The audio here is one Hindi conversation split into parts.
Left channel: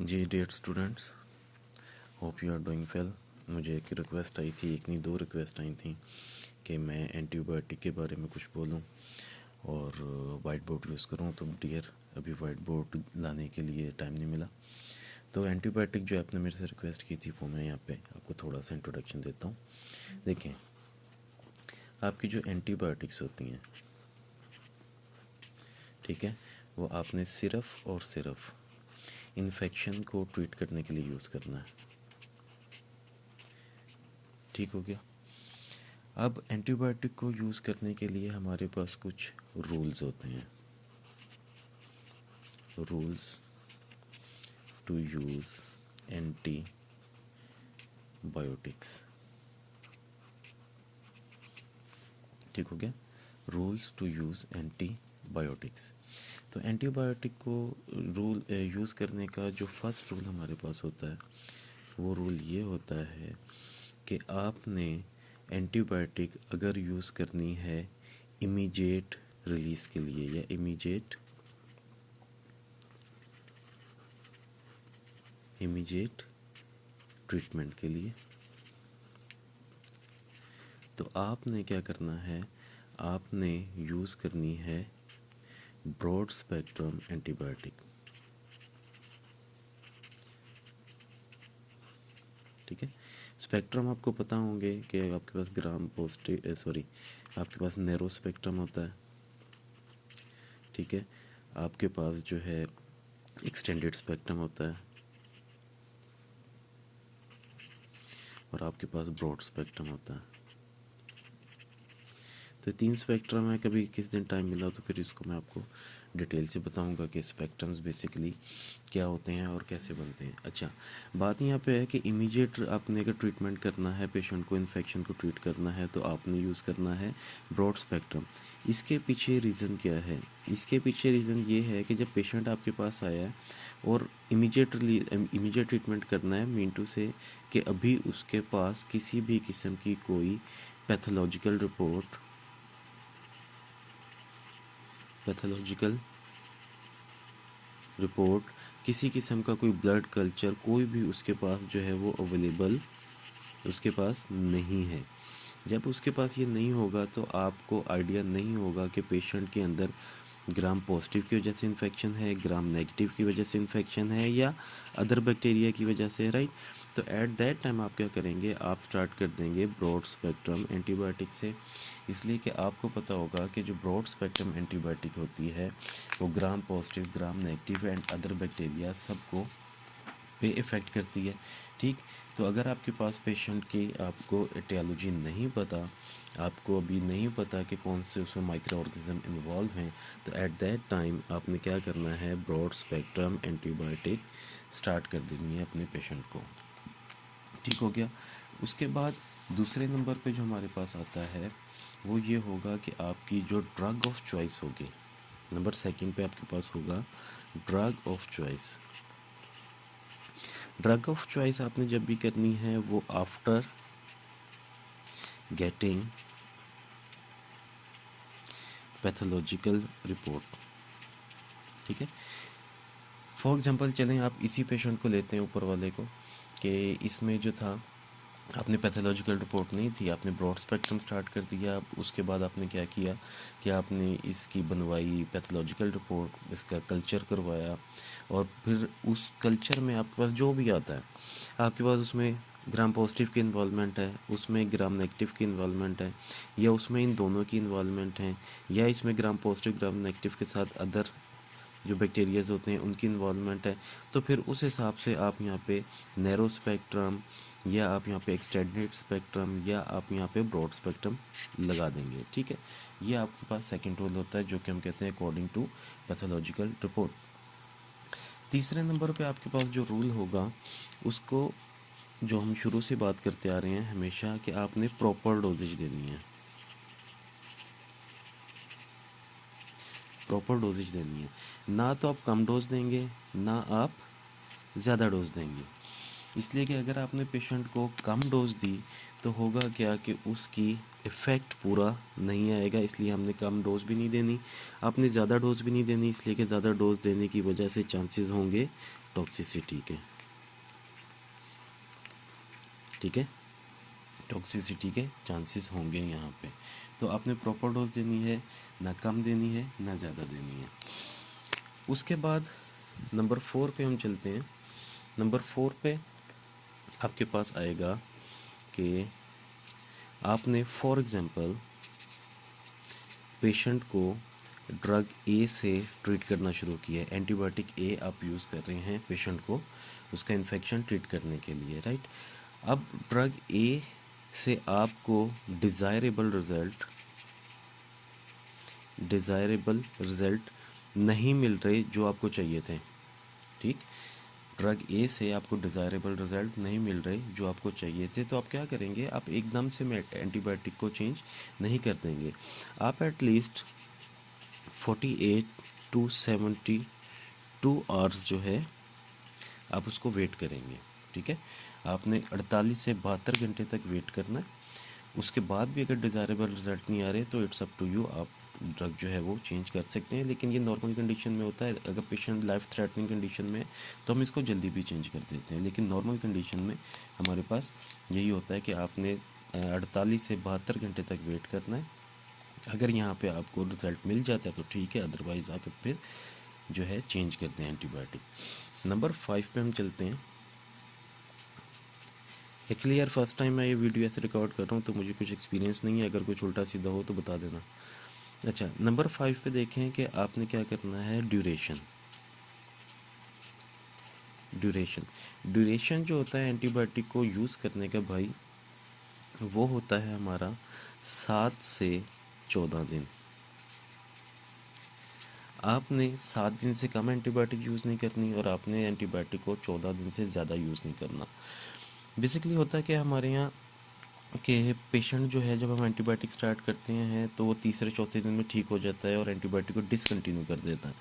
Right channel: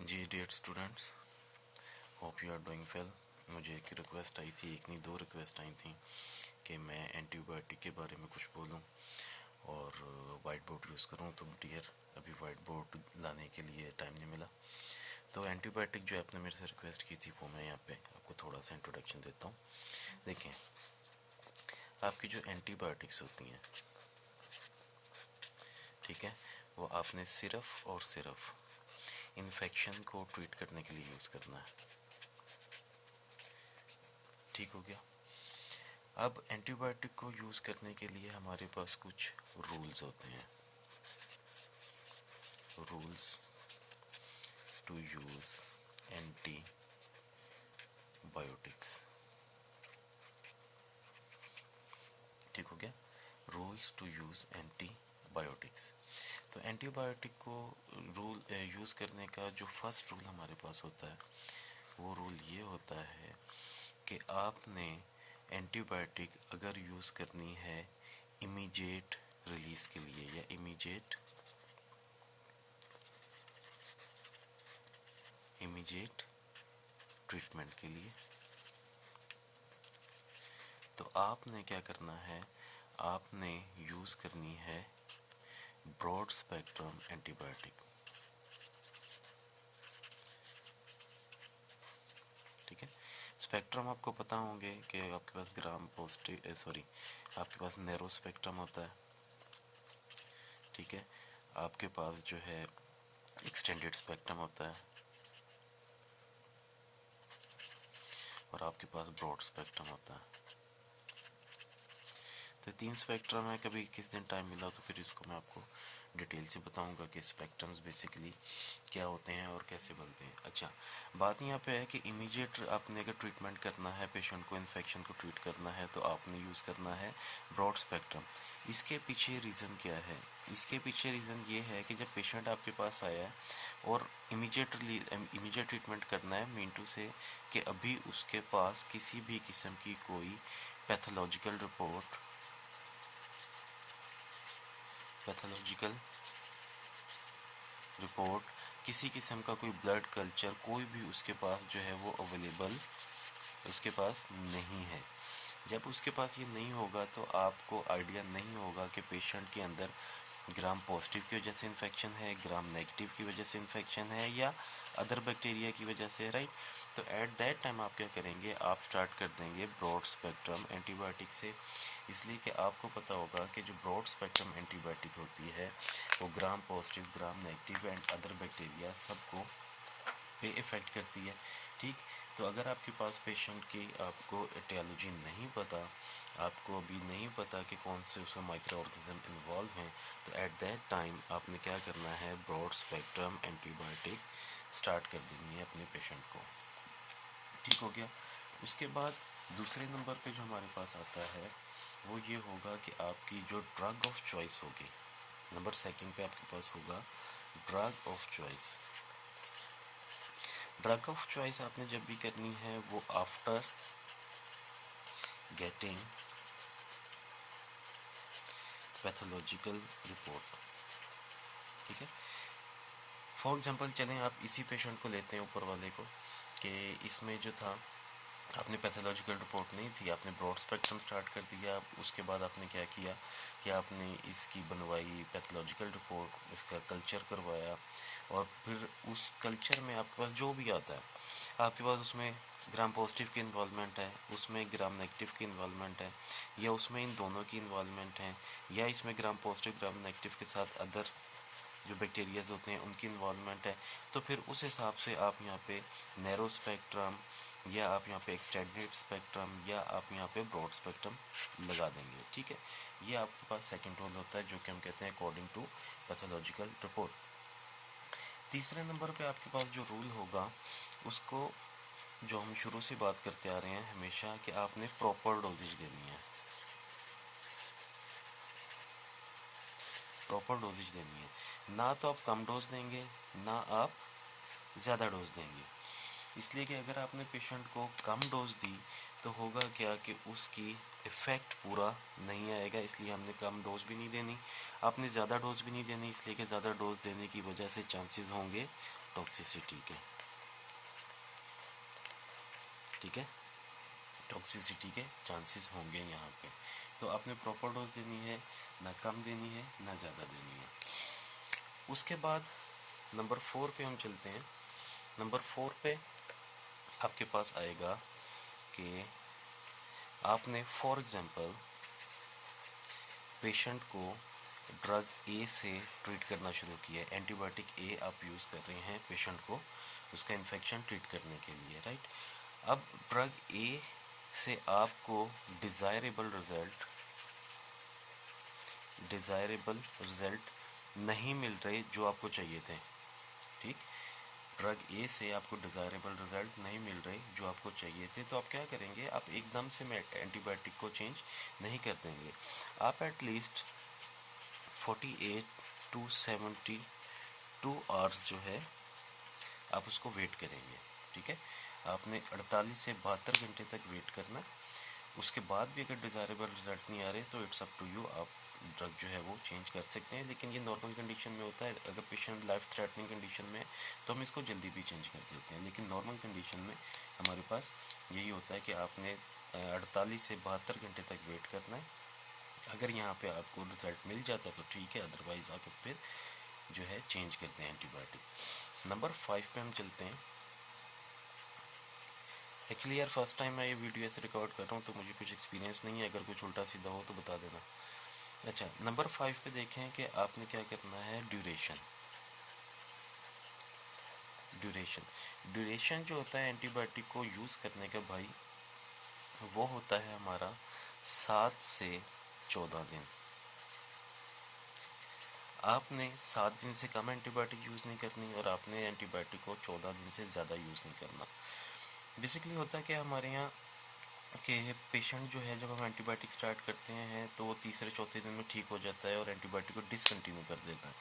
Ji dear students, hope you are doing well. मुझे एक रिक्वेस्ट आई थी, एक नहीं दो रिक्वेस्ट आई थी कि मैं एंटीबायोटिक के बारे में कुछ बोलूं और वाइट बोर्ड यूज़ करूं। तो डियर अभी वाइट बोर्ड लाने के लिए टाइम नहीं मिला। तो एंटीबायोटिक जो आपने मेरे से रिक्वेस्ट की थी वो मैं यहाँ पे आपको थोड़ा सा इंट्रोडक्शन देता हूँ। देखें, आपकी जो एंटीबायोटिक्स होती हैं, ठीक है, वो आपने सिर्फ और सिर्फ इन्फेक्शन को ट्रीट करने के लिए यूज़ करना है। ठीक हो गया। अब एंटीबायोटिक को यूज़ करने के लिए हमारे पास कुछ रूल्स होते हैं। Rules to use antibiotics. ठीक हो गया। Rules to use antibiotics. तो एंटीबायोटिक को रूल यूज़ करने का जो फर्स्ट रूल हमारे पास होता है वो रूल ये होता है कि आपने एंटीबायोटिक अगर यूज़ करनी है इमीडिएट रिलीज के लिए या इमीडिएट ट्रीटमेंट के लिए, तो आपने क्या करना है, आपने यूज़ करनी है ब्रॉड स्पेक्ट्रम एंटीबायोटिक। ठीक है। स्पेक्ट्रम आपको पता होंगे कि आपके पास ग्राम पॉजिटिव आपके पास नैरो स्पेक्ट्रम होता है। ठीक है। आपके पास जो है एक्सटेंडेड स्पेक्ट्रम होता है और आपके पास ब्रॉड स्पेक्ट्रम होता है। तो तीन स्पेक्ट्रम है। कभी किस दिन टाइम मिला तो फिर इसको मैं आपको डिटेल से बताऊंगा कि स्पेक्ट्रम्स बेसिकली क्या होते हैं और कैसे बनते हैं। अच्छा, बात यहाँ पे है कि इमीडिएट आपने अगर ट्रीटमेंट करना है, पेशेंट को इन्फेक्शन को ट्रीट करना है, तो आपने यूज़ करना है ब्रॉड स्पेक्ट्रम। इसके पीछे रीज़न क्या है? इसके पीछे रीज़न ये है कि जब पेशेंट आपके पास आया है और इमीडिएट ट्रीटमेंट करना है, मीन टू से कि अभी उसके पास किसी भी किस्म की कोई पैथोलॉजिकल रिपोर्ट, किसी किस्म का कोई ब्लड कल्चर, कोई भी उसके पास जो है वो अवेलेबल उसके पास नहीं है। जब उसके पास ये नहीं होगा तो आपको आइडिया नहीं होगा कि पेशेंट के अंदर ग्राम पॉजिटिव की वजह से इन्फेक्शन है, ग्राम नेगेटिव की वजह से इन्फेक्शन है या अदर बैक्टीरिया की वजह से, राइट। तो एट दैट टाइम आप क्या करेंगे, आप स्टार्ट कर देंगे ब्रॉड स्पेक्ट्रम एंटीबायोटिक से। इसलिए कि आपको पता होगा कि जो ब्रॉड स्पेक्ट्रम एंटीबायोटिक होती है वो gram positive, gram negative and other bacteria सबको पे इफ़ेक्ट करती है। ठीक। तो अगर आपके पास पेशेंट की आपको एटियोलॉजी नहीं पता, आपको अभी नहीं पता कि कौन से उसमें माइक्रो ऑर्गेनिज्म इन्वॉल्व हैं, तो एट दैट टाइम आपने क्या करना है, ब्रॉड स्पेक्ट्रम एंटीबायोटिक स्टार्ट कर देनी है अपने पेशेंट को। ठीक हो गया। उसके बाद दूसरे नंबर पे जो हमारे पास आता है वो ये होगा कि आपकी जो ड्रग ऑफ चॉइस होगी, नंबर सेकंड पे आपके पास होगा drug of choice. Drug of choice आपने जब भी करनी है वो आफ्टर गेटिंग पैथोलॉजिकल रिपोर्ट। ठीक है। फॉर एग्जांपल चलें, आप इसी पेशेंट को लेते हैं, ऊपर वाले को, कि इसमें जो था आपने पैथोलॉजिकल रिपोर्ट नहीं थी, आपने ब्रॉड स्पेक्ट्रम स्टार्ट कर दिया। उसके बाद आपने क्या किया कि आपने इसकी बनवाई पैथोलॉजिकल रिपोर्ट, इसका कल्चर करवाया और फिर उस कल्चर में आपके पास जो भी आता है, आपके पास उसमें ग्राम पॉजिटिव की इन्वॉल्वमेंट है, उसमें ग्राम नेगेटिव की इन्वॉल्वमेंट है, या उसमें इन दोनों की इन्वॉल्वमेंट है, या इसमें ग्राम पॉजिटिव ग्राम नेगेटिव के साथ अदर जो बैक्टीरियाज होते हैं उनकी इन्वॉल्वमेंट है, तो फिर उस हिसाब से आप यहाँ पे नैरो स्पेक्ट्रम या आप यहाँ पे एक्सटेंडेड स्पेक्ट्रम या आप यहाँ पे ब्रॉड स्पेक्ट्रम लगा देंगे। ठीक है। ये आपके पास सेकंड रूल होता है जो कि हम कहते हैं अकॉर्डिंग टू पैथोलॉजिकल रिपोर्ट। तीसरे नंबर पे आपके पास जो रूल होगा उसको जो हम शुरू से बात करते आ रहे हैं हमेशा, कि आपने प्रॉपर डोजेज देनी है। प्रॉपर डोजेज देनी है, ना तो आप कम डोज देंगे ना आप ज़्यादा डोज देंगे। इसलिए कि अगर आपने पेशेंट को कम डोज दी तो होगा क्या कि उसकी इफ़ेक्ट पूरा नहीं आएगा, इसलिए हमने कम डोज भी नहीं देनी। आपने ज़्यादा डोज भी नहीं देनी, इसलिए कि ज़्यादा डोज देने की वजह से चांसेस होंगे टॉक्सिसिटी के, ठीक है, टॉक्सिसिटी के चांसेस होंगे यहाँ पे। तो आपने प्रॉपर डोज देनी है, ना कम देनी है ना ज़्यादा देनी है। उसके बाद नंबर 4 पे हम चलते हैं। नंबर 4 पे आपके पास आएगा कि आपने फॉर एग्जांपल पेशेंट को ड्रग ए से ट्रीट करना शुरू किया है, एंटीबायोटिक ए आप यूज़ कर रहे हैं पेशेंट को उसका इन्फेक्शन ट्रीट करने के लिए, राइट। अब ड्रग ए से आपको डिज़ायरेबल रिजल्ट नहीं मिल रहे जो आपको चाहिए थे, ठीक। ड्रग ए से आपको डिज़ायरेबल रिजल्ट नहीं मिल रहे जो आपको चाहिए थे, तो आप क्या करेंगे, आप एकदम से एंटीबायोटिक को चेंज नहीं कर देंगे। आप एटलीस्ट 48 टू 72 आवर्स जो है आप उसको वेट करेंगे, ठीक है। आपने 48 से 72 घंटे तक वेट करना। उसके बाद भी अगर डिज़ायरेबल रिजल्ट नहीं आ रहे तो इट्स अप टू यू, आप ड्रग जो है वो चेंज कर सकते हैं। लेकिन ये नॉर्मल कंडीशन में होता है, अगर पेशेंट लाइफ थ्रेटनिंग कंडीशन में है तो हम इसको जल्दी भी चेंज कर देते हैं। लेकिन नॉर्मल कंडीशन में हमारे पास यही होता है कि आपने 48 से 72 घंटे तक वेट करना है। अगर यहाँ पे आपको रिजल्ट मिल जाता है तो ठीक है, अदरवाइज़ आप फिर जो है चेंज करते हैं एंटीबायोटिक। नंबर 5 पे हम चलते हैं। एक्चुअली यार फर्स्ट टाइम मैं ये वीडियो ऐसे रिकॉर्ड कर रहा हूँ तो मुझे कुछ एक्सपीरियंस नहीं है, अगर कुछ उल्टा सीधा हो तो बता देना। अच्छा, नंबर 5 पे देखें कि आपने क्या करना है, ड्यूरेशन जो होता है एंटीबायोटिक को यूज़ करने का भाई, वो होता है हमारा 7 से 14 दिन। आपने 7 दिन से कम एंटीबायोटिक यूज़ नहीं करनी और आपने एंटीबायोटिक को 14 दिन से ज़्यादा यूज़ नहीं करना। बेसिकली होता है कि हमारे यहाँ कि पेशेंट जो है जब हम एंटीबायोटिक स्टार्ट करते हैं तो वो तीसरे चौथे दिन में ठीक हो जाता है और एंटीबायोटिक को डिसकंटिन्यू कर देता है।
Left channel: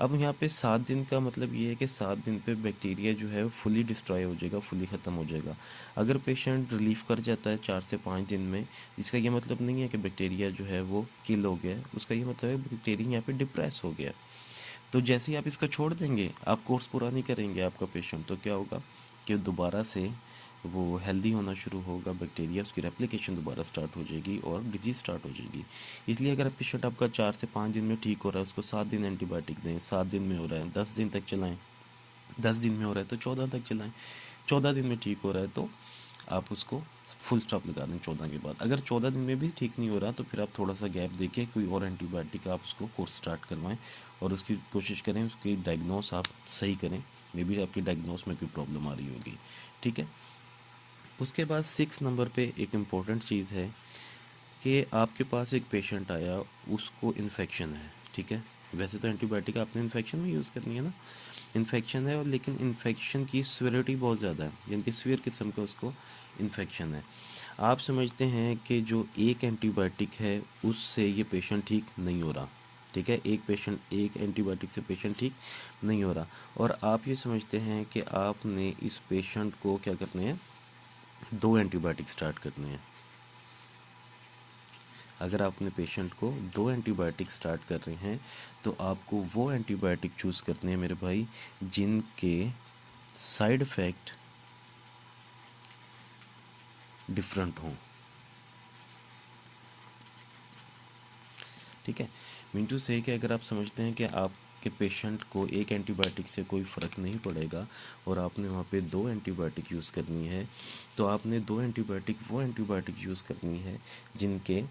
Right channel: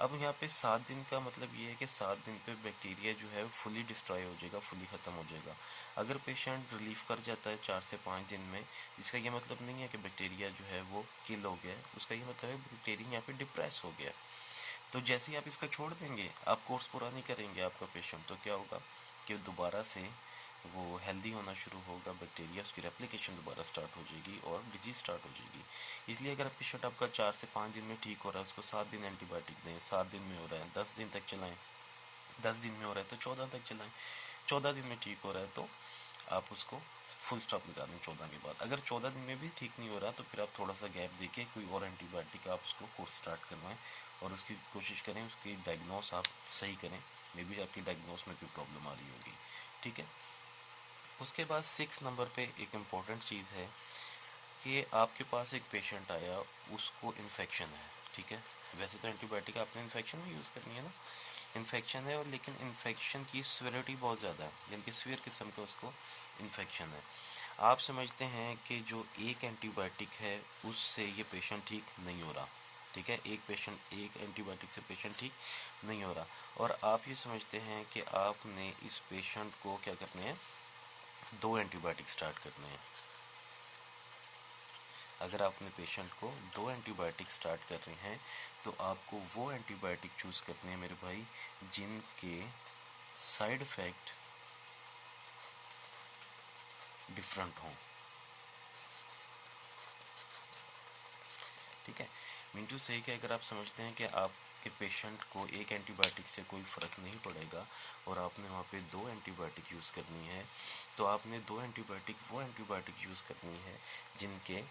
अब यहाँ पे 7 दिन का मतलब ये है कि 7 दिन पे बैक्टीरिया जो है वो फुली डिस्ट्रॉय हो जाएगा, फुली ख़त्म हो जाएगा। अगर पेशेंट रिलीफ कर जाता है 4 से 5 दिन में, इसका ये मतलब नहीं है कि बैक्टीरिया जो है वो किल हो गया है, उसका ये मतलब है बैक्टीरिया यहाँ पे डिप्रेस हो गया। तो जैसे ही आप इसका छोड़ देंगे, आप कोर्स पूरा नहीं करेंगे आपका पेशेंट, तो क्या होगा कि दोबारा से वो हेल्दी होना शुरू होगा, बैक्टीरिया उसकी रेप्लिकेशन दोबारा स्टार्ट हो जाएगी और डिजीज़ स्टार्ट हो जाएगी। इसलिए अगर पेशेंट आपका 4 से 5 दिन में ठीक हो रहा है, उसको 7 दिन एंटीबायोटिक दें, 7 दिन में हो रहा है 10 दिन तक चलाएं, 10 दिन में हो रहा है तो 14 तक चलाएं, 14 दिन में ठीक हो रहा है तो आप उसको फुल स्टॉप लगा दें 14 के बाद। अगर 14 दिन में भी ठीक नहीं हो रहा तो फिर आप थोड़ा सा गैप देके कोई और एंटीबायोटिक आप उसको कोर्स स्टार्ट करवाएं और उसकी कोशिश करें उसकी डायग्नोस आप सही करें। मे बी आपकी डायग्नोस में कोई प्रॉब्लम आ रही होगी, ठीक है। उसके बाद 6 नंबर पे एक इम्पॉर्टेंट चीज़ है कि आपके पास एक पेशेंट आया, उसको इन्फेक्शन है, ठीक है। वैसे तो एंटीबायोटिक आपने इन्फेक्शन में यूज़ करनी है ना, इन्फेक्शन है और लेकिन इन्फेक्शन की सीवियरिटी बहुत ज़्यादा है, यानी कि सीवियर किस्म का उसको इन्फेक्शन है। आप समझते हैं कि जो एक एंटीबायोटिक है उससे ये पेशेंट ठीक नहीं हो रहा, ठीक है, एक एंटीबायोटिक से पेशेंट ठीक नहीं हो रहा, और आप ये समझते हैं कि आपने इस पेशेंट को क्या करने हैं, 2 एंटीबायोटिक स्टार्ट करने हैं। अगर आप अपने पेशेंट को 2 एंटीबायोटिक स्टार्ट कर रहे हैं तो आपको वो एंटीबायोटिक चूज़ करने हैं मेरे भाई जिनके साइड इफ़ेक्ट डिफरेंट हों, ठीक है। मिंटू से कि अगर आप समझते हैं कि आपके पेशेंट को एक एंटीबायोटिक से कोई फ़र्क नहीं पड़ेगा और आपने वहाँ पे 2 एंटीबायोटिक यूज़ करनी है, तो आपने 2 एंटीबायोटिक वो एंटीबायोटिक यूज़ करनी है जिनके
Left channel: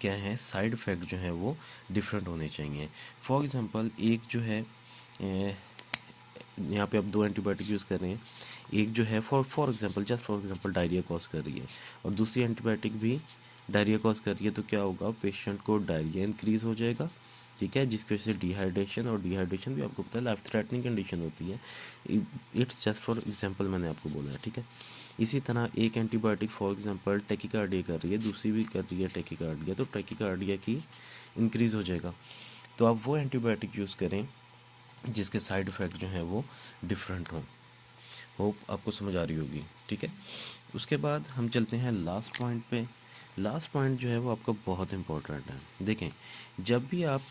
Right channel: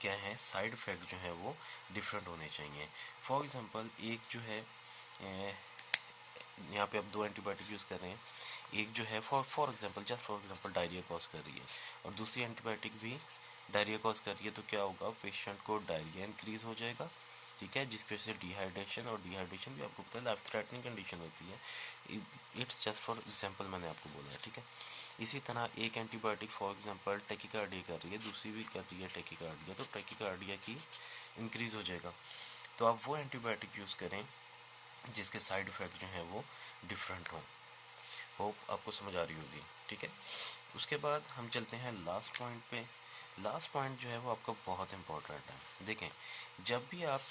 क्या है साइड इफ़ेक्ट जो है वो डिफरेंट होने चाहिए। फॉर एग्ज़ाम्पल एक जो है यहाँ पे आप 2 एंटीबायोटिक यूज़ कर रहे हैं, एक जो है फॉर एग्ज़ाम्पल डायरिया कॉज कर रही है और दूसरी एंटीबायोटिक भी डायरिया कॉज कर रही है, तो क्या होगा, पेशेंट को डायरिया इंक्रीज़ हो जाएगा, ठीक है, जिसकी वजह से डिहाइड्रेशन, और डिहाइड्रेशन भी आपको पता है लाइफ थ्रेटनिंग कंडीशन होती है। इट्स जस्ट फॉर एग्जांपल मैंने आपको बोला है, ठीक है। इसी तरह एक एंटीबायोटिक फॉर एग्जांपल टैकीकार्डिया कर रही है, दूसरी भी कर रही है टैकीकार्डिया, तो टैकीकार्डिया की इंक्रीज़ हो जाएगा। तो आप वो एंटीबायोटिक यूज़ करें जिसके साइड इफ़ेक्ट जो हैं वो डिफरेंट हों। होप आपको समझ आ रही होगी, ठीक है। उसके बाद हम चलते हैं लास्ट पॉइंट पे। लास्ट पॉइंट जो है वो आपका बहुत इम्पोर्टेंट है। देखें, जब भी आप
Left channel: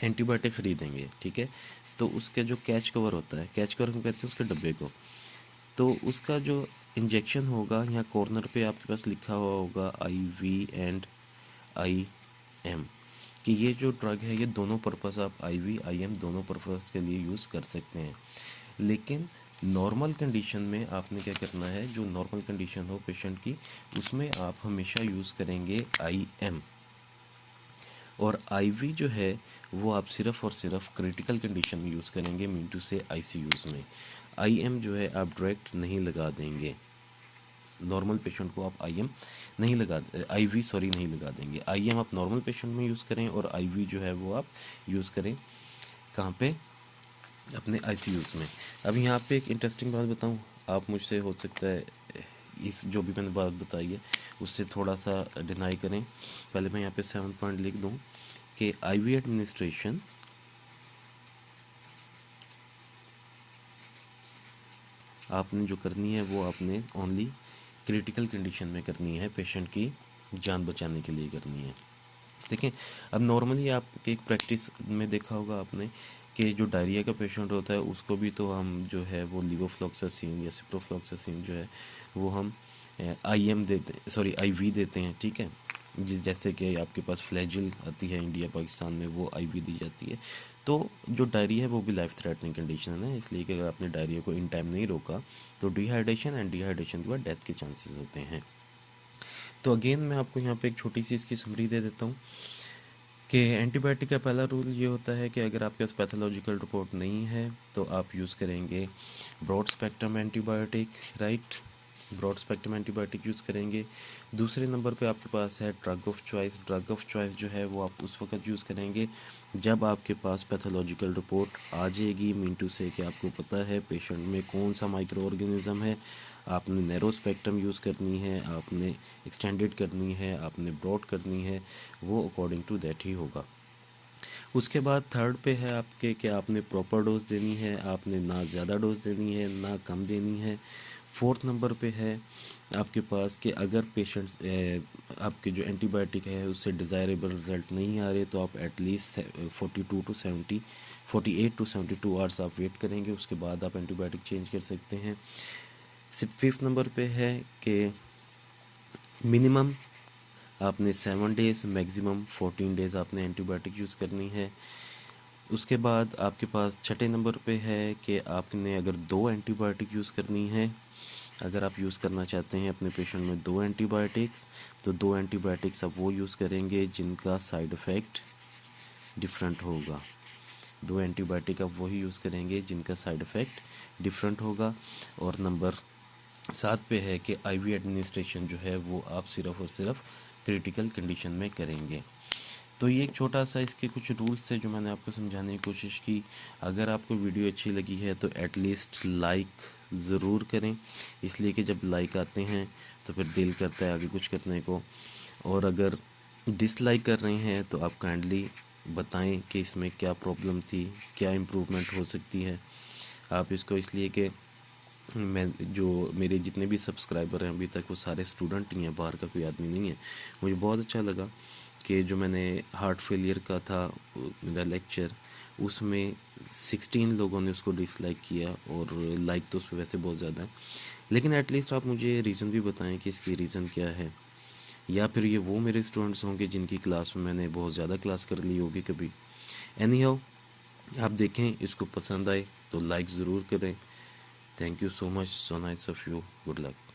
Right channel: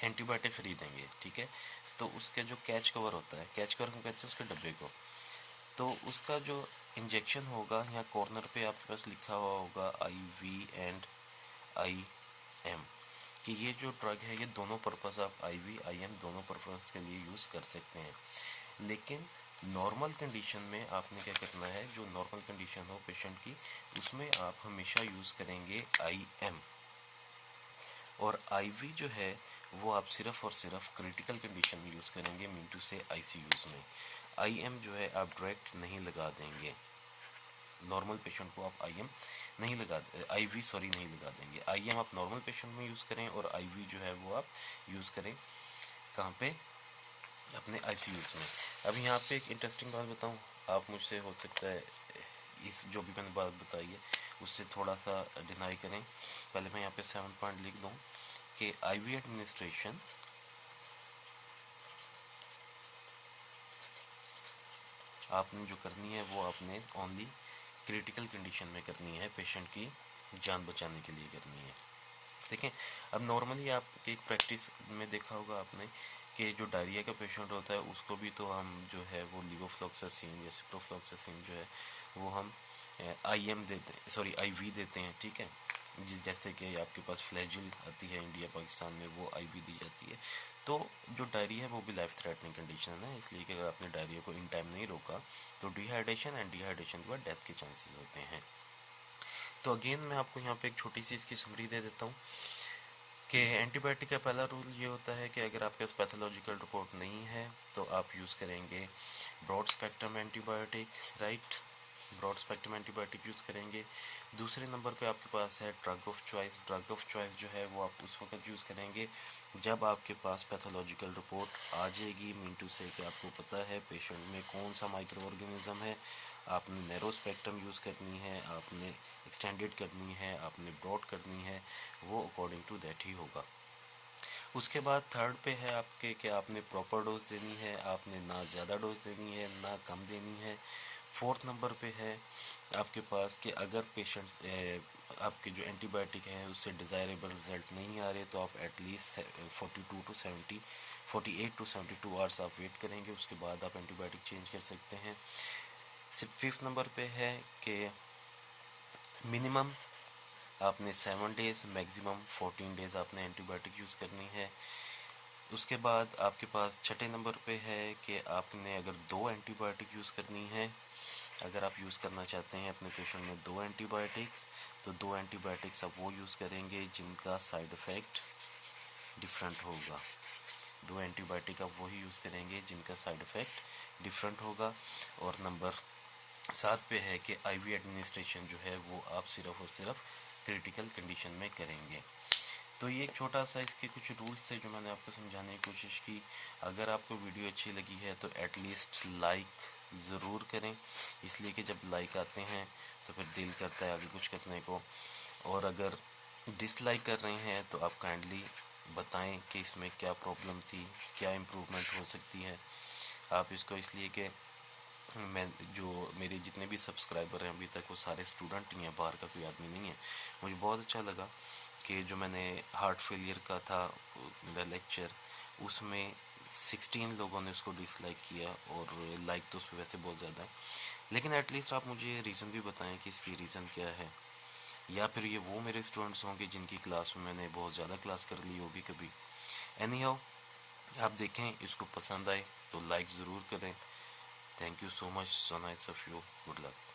एंटीबायोटिक ख़रीदेंगे, ठीक है, तो उसके जो कैच कवर होता है, कैच कवर हम कहते हैं उसके डब्बे को, तो उसका जो इंजेक्शन होगा यहाँ कॉर्नर पे आपके पास लिखा हुआ होगा IV एंड IM, कि ये जो ड्रग है ये दोनों पर्पज़, आप IV IM दोनों पर्पज़ के लिए यूज़ कर सकते हैं। लेकिन नॉर्मल कंडीशन में आपने क्या करना है, जो नॉर्मल कंडीशन हो पेशेंट की, उसमें आप हमेशा यूज़ करेंगे IM, और IV जो है वो आप सिर्फ और सिर्फ क्रिटिकल कंडीशन में यूज़ करेंगे, मीन टू से ICUs में। IM जो है आप डायरेक्ट नहीं लगा देंगे, नॉर्मल पेशेंट को आप IM नहीं लगा, IV सॉरी नहीं लगा देंगे। IM आप नॉर्मल पेशेंट में यूज़ करें और IV जो है वो आप यूज़ करें कहाँ पे, अपने ICUs में। अब यहाँ पे एक इंटरेस्टिंग बात बताऊँ, आप मुझसे हो सकता है इस जो भी मैंने बात बताई है उससे थोड़ा सा डिनाई करें। पहले मैं यहाँ पे 7 पॉइंट लिख दूँ कि IV एडमिनिस्ट्रेशन आपने जो करनी है वो आपने ओनली क्रिटिकल कंडीशन में करनी है, पेशेंट की जान बचाने के लिए करनी है। देखें, अब नॉर्मली आपके एक प्रैक्टिस में देखा होगा आपने कि जो डायरिया का पेशेंट होता है उसको भी तो हम जो है वो लीवोफ्लॉक्सासिन या सिप्रोफ्लॉक्सासिन जो है वो हम IM देते हैं, सॉरी IV देते हैं, ठीक है। जैसे कि आपके पास फ्लैजिल आती है इंडिया पाकिस्तान में, वो IV दी जाती है। तो जो डायरिया है वो भी लाइफ थ्रेटनिंग कंडीशन है, इसलिए कि अगर आपने डायरिया को इन टाइम नहीं रोका तो डिहाइड्रेशन एंड डिहाइड्रेशन के बाद डेथ के चांसेस होते हैं। तो अगेन मैं आपको यहाँ पे एक छोटी सी इसकी समरी दे देता हूँ कि एंटीबायोटिक का पहला रूल ये होता है कि अगर आपके पास पैथोलॉजिकल रिपोर्ट नहीं है तो आप यूज़ करेंगे broad spectrum antibiotic, right, broad spectrum antibiotic use करेंगे। दूसरे नंबर पे आपके पास है drug of choice. Drug of choice जो है वो आप उस वक्त यूज़ करेंगे जब आपके पास पैथोलॉजिकल रिपोर्ट आ जाएगी, मीन टू से कि आपको पता है पेशेंट में कौन सा माइक्रो ऑर्गेनिज्म है। आपने नैरो स्पेक्ट्रम यूज़ करनी है, आपने एक्सटेंडेड करनी है, आपने ब्रॉड करनी है, वो अकॉर्डिंग टू दैट ही होगा। उसके बाद थर्ड पे है आपके कि आपने प्रॉपर डोज देनी है, आपने ना ज़्यादा डोज देनी है ना कम देनी है। फोर्थ नंबर पे है आपके पास कि अगर पेशेंट आपके जो एंटीबायोटिक है उससे डिज़ायरेबल रिजल्ट नहीं आ रहे तो आप एटलीस्ट 48 टू 72 आवर्स आप वेट करेंगे, उसके बाद आप एंटीबायोटिक चेंज कर सकते हैं। फिफ्थ नंबर पे है कि मिनिमम आपने 7 डेज़, मैक्सिमम 14 डेज़ आपने एंटीबायोटिक यूज़ करनी है। उसके बाद आपके पास छठे नंबर पे है कि आपने अगर 2 एंटीबायोटिक यूज़ करनी है, अगर आप यूज़ करना चाहते हैं अपने पेशेंट में 2 एंटीबायोटिक्स, तो 2 एंटीबायोटिक्स आप वो यूज़ करेंगे जिनका साइड इफ़ेक्ट डिफरेंट होगा। 2 एंटीबायोटिक आप वही यूज़ करेंगे जिनका साइड इफ़ेक्ट डिफरेंट होगा। और नंबर 7 पे है कि IV एडमिनिस्ट्रेशन जो है वो आप सिर्फ और सिर्फ क्रिटिकल कंडीशन में करेंगे। तो ये एक छोटा सा इसके कुछ रूल्स थे जो मैंने आपको समझाने की कोशिश की। अगर आपको वीडियो अच्छी लगी है तो एटलीस्ट लाइक ज़रूर करें, इसलिए कि जब लाइक आते हैं तो फिर दिल करता है आगे कुछ करने को। और अगर डिसलाइक कर रहे हैं तो आप काइंडली बताएं कि इसमें क्या प्रॉब्लम थी, क्या इम्प्रूवमेंट हो सकती है। आप इसको इसलिए कि मैं जो मेरे जितने भी सब्सक्राइबर हैं अभी तक वो सारे स्टूडेंट ही हैं, बाहर का कोई आदमी नहीं है। मुझे बहुत अच्छा लगा कि जो मैंने हार्ट फेलियर का था मेरा लेक्चर, उसमें 16 लोगों ने उसको डिसलाइक किया और लाइक तो उस पर वैसे बहुत ज़्यादा है। लेकिन एटलीस्ट आप मुझे रीज़न भी बताएं कि इसकी रीज़न क्या है, या फिर ये वो मेरे स्टूडेंट्स होंगे जिनकी क्लास में मैंने बहुत ज़्यादा क्लास कर ली होगी कभी। एनी हाउ, आप देखें इसको पसंद आए तो लाइक ज़रूर करें। Thank you so much. So nice of you. Good luck.